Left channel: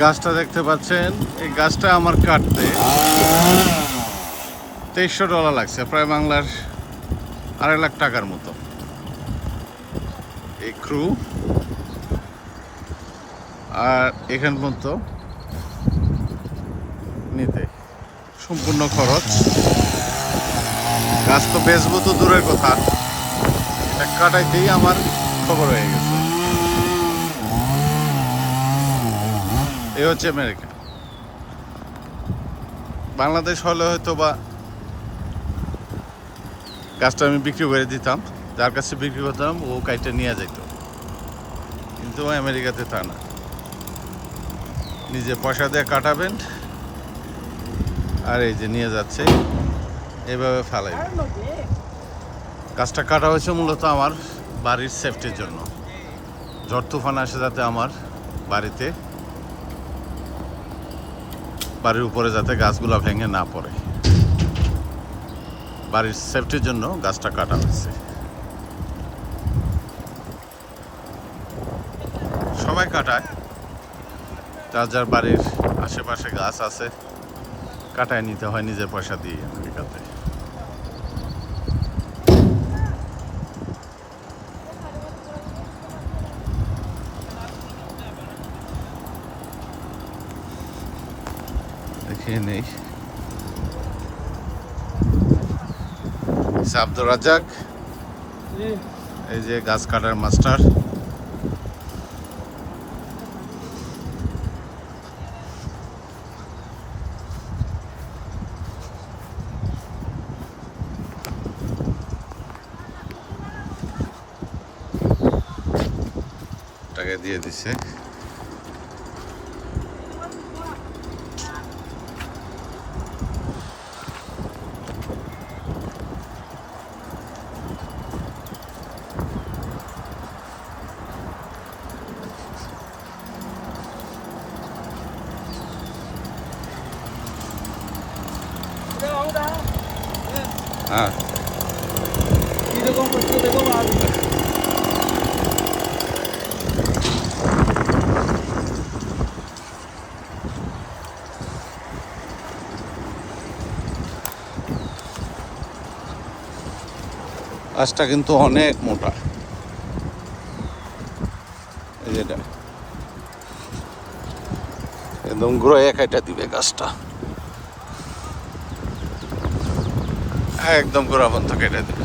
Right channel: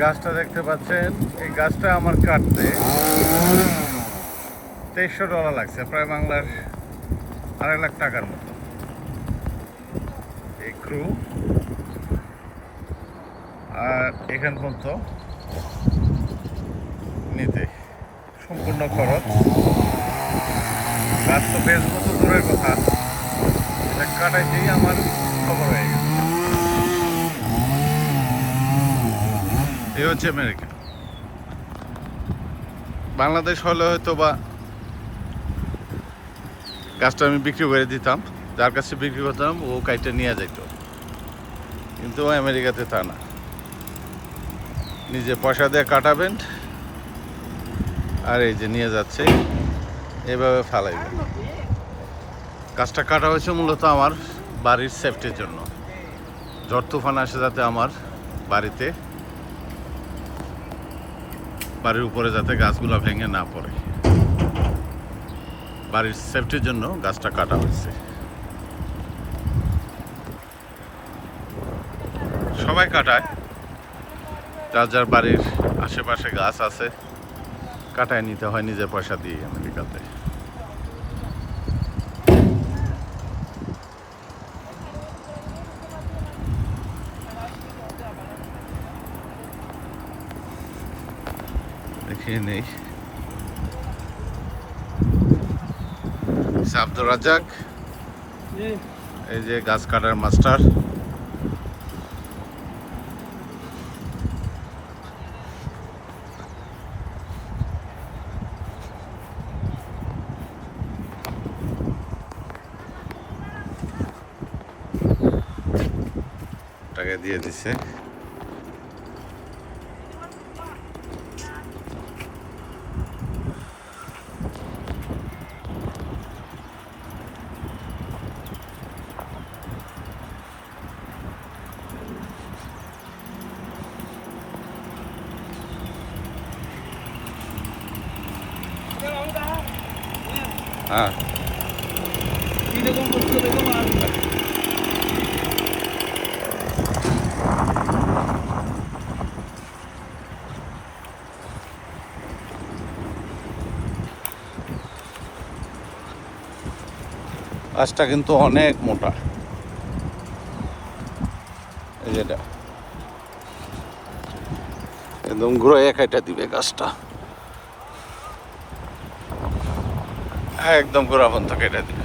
গাছটা দেখতে পাচ্ছেন, এই গাছটা আমার কাটতে $2300 লাগছে, প্রায় বাংলার $2.5 লাখ মতো। এই ক্রু আর এখান পর্যন্ত নিতে সম্পূর্ণ খরচ। গাছ তো বেচবো তো দূরের কথা, এটা কাটাইতেই আমার খবর হয়ে গেছে। এই হচ্ছে আমেরিকা। বাংলাদেশ হলে হয়তো বা গাছটা আমি বিক্রি করে দিতাম, যার কাছে বিক্রি করতাম ও কাইটা নিয়ে যেত, কিন্তু আমেরিকাতে তা না, নিজে পয়সা দিয়ে কাটাবেন আর এই যে নিয়ে যাচ্ছে, এইভাবে ফালাইবেন। গাছটা কাটা হয়েছে মূলত আমার বাড়ির সেফটির জন্য। ঝড় তুফান আসে যাতে আমার বাড়ির উপরে যাতে গাছগুলো ভেঙে না পড়ে, বাড়ির সেফটির জন্য গাছটা কাটা হয়েছে। সবাই কাটায়, যার যার বাড়ির আশেপাশে গাছ আছে কাটায় নিতে হয় নিজের পয়সা দিয়ে আমেরিকাতে। দেখে নেই আব্দুর রাজ্জাক, এই যে গাছ কাটার মাস্টার। টাকা দিয়ে দিছে। হ্যাঁ, গাছটা কিন্তু অনেক মোটা, এই যেটা একদম ঘুরে কাটা দিবে গাছটা, একদম গোড়া পর্যন্ত কেটে দিবে।